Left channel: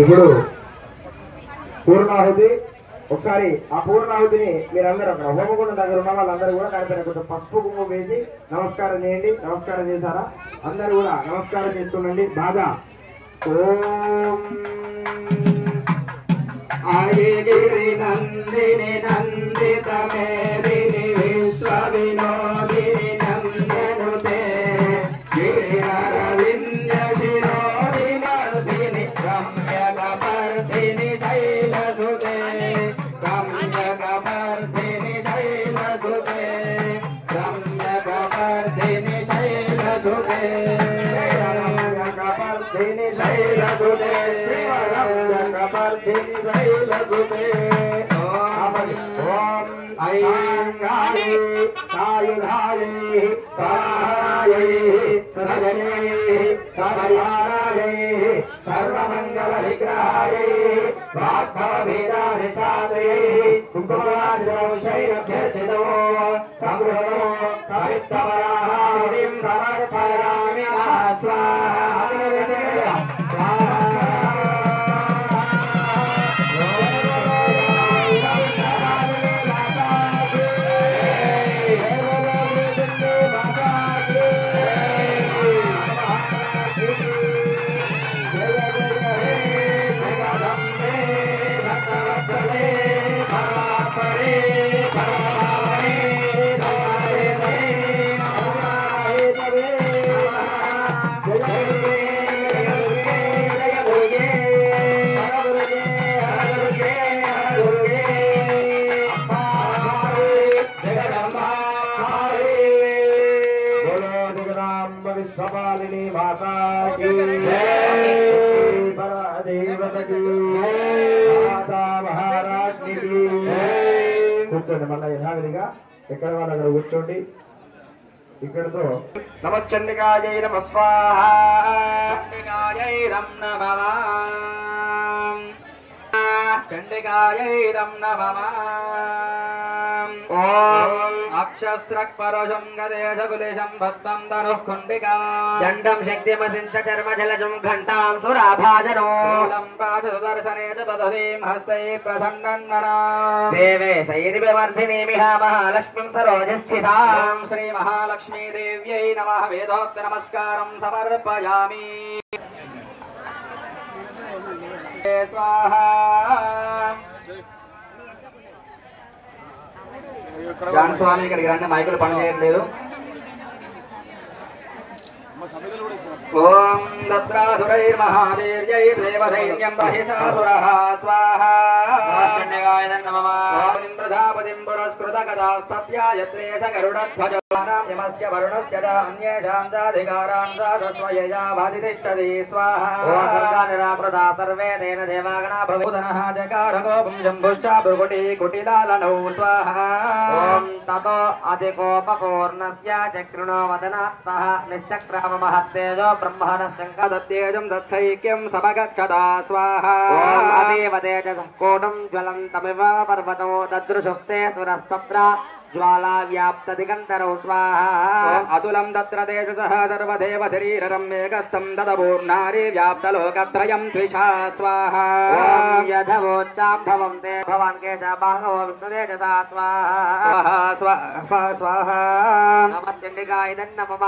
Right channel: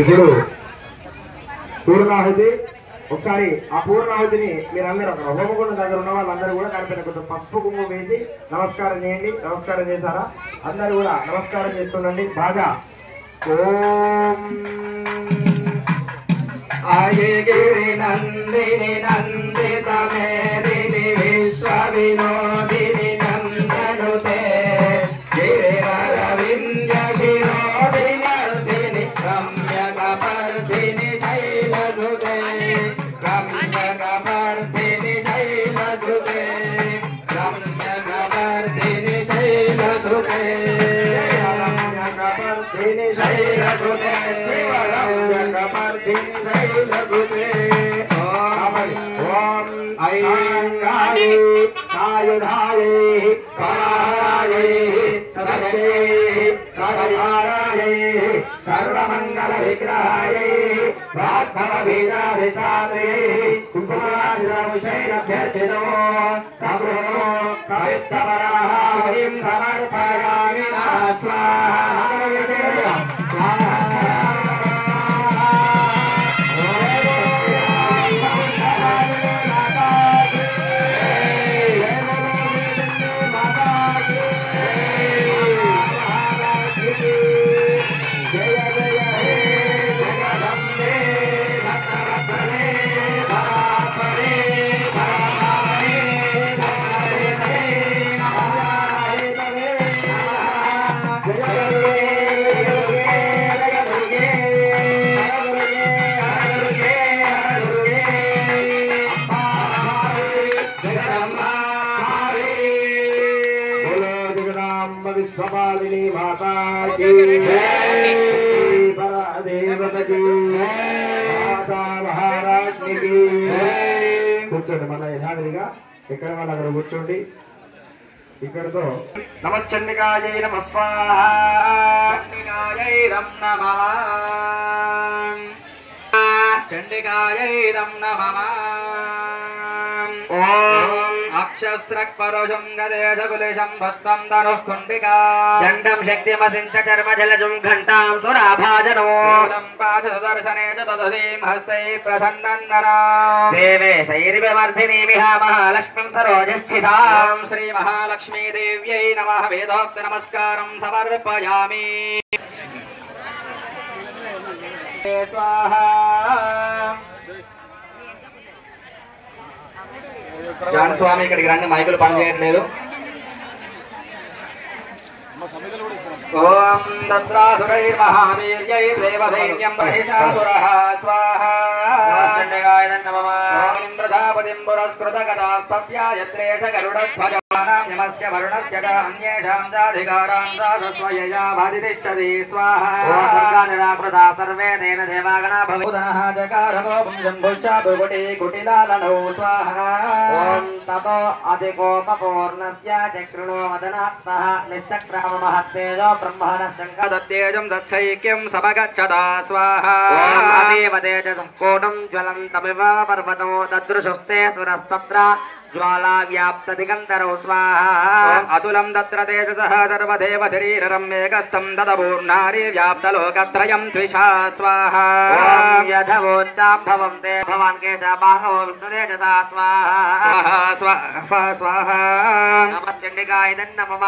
ఇప్పుడు పూర్ణాహుతి ఒకసారి ఆ పూర్ణాహుతిని మీరందరూ అక్కడ హోమగుండం దగ్గర ఉన్న వాళ్ళందరూ కూడా దానిపైన కొంచెం పసుపు కుంకుమ వేసి నమస్కారం చేయండి. నమస్కారం చేశారా? అందరూ కూడా నమస్కారం చేస్తుండండి బాగా. ఓం అయగిరి నందిని నందిత మేదిని విశ్వ వినోదిని నందనుతే గిరిరవింద శిరోదిని మర్దిని రమ్యకపర్దిని శైలసుతే రమ్యకపర్దిని శైలసుతే రమ్యకపర్దిని శైలసుతే రమ్యకపర్దిని శైలసుతే सर्वमंगल विग्रहाय भागव बीजाभिषादे कुंकुमादिशैरभ्यर्चितो सगुणो कवित्तवराहादिं समर्पयामि स्वाहा। विश्वपालिनी माता की देवता की माता महाराष्ट्र की కూర్చోండి మళ్ళీ యథావిధిగా ఇక్కడ వాళ్ళ అక్కడ కూర్చోండి. ఇక్కడతో నమశ్చండికాయై నమః స్వాహా చండికాయై నమః చండికాయై నమః ఓం అక్షస్రక్ పరోషం గదేశకులేశం భస్మం ధనుః కుండికా దండం శక్తిమసించ చర్మజలజం ఘంటాం సురాభాజనో పాశదర్శనే తదధీం హస్తై ప్రసన్నన్ననా సేవే సైర్వివర్ధినీమిహ మహాలక్ష్మీం సరోజస్థితాం శ్రీ మహాలక్ష్మీ దేవ్యై నమః వేదోక్త నమస్కారం సమర్పయామి. స్వాహా. జానస్వామి ఇక్కడికి రండి, మైకులు పనిచేయట్లేదు. ఓం దత్రాసురైర్మహావీర్యైర్దేవదైన్యం మహిషాసురః స్వాహా. ప్రజాపతిం పురస్కృత గదాస్పత్యాయత్రేష గరుడధ్వజమానాం యమస్య వరుణస్య చ అన్యేషాం చాధికారాం సాధస్వయయా భాతితిష్టతి స్వాహా. నిరాకృతా సర్వే దేన దేవాగణా భవోదనః జకార గోపం శంభుశ్చ భృగుటి కుటిలాలనౌ స్వాహా. ఓం తతో అధికోపపూర్ణస్య చక్రుణో వదనాత్తః నిశ్చక్రామ మహత్తేజో బ్రహ్మణ శంకదత్తేజం దచ్చైక్యం సమగచ్చదా స్వాహా. ఓం అదేవ తేజసం కోటం జ్వలంతమివ పర్వతం దదృశస్తే సురస్తత్ర జ్వాలా వ్యాప్త దిగంతరౌ స్వాహా. అతులం తత్ర తేజసః సర్వదేవ శరీరం మేకస్థం దదపూర్ణారి వ్యాప్త లోకత్రయం ద్విషా స్వాహా. ఓం యథవోచ్చాం భవం తే భవాన్ కేశ బాహవో విష్ణు తేజసా స్వాహా. స్వాహా స్వాహా. నమః చండికాయ నమః.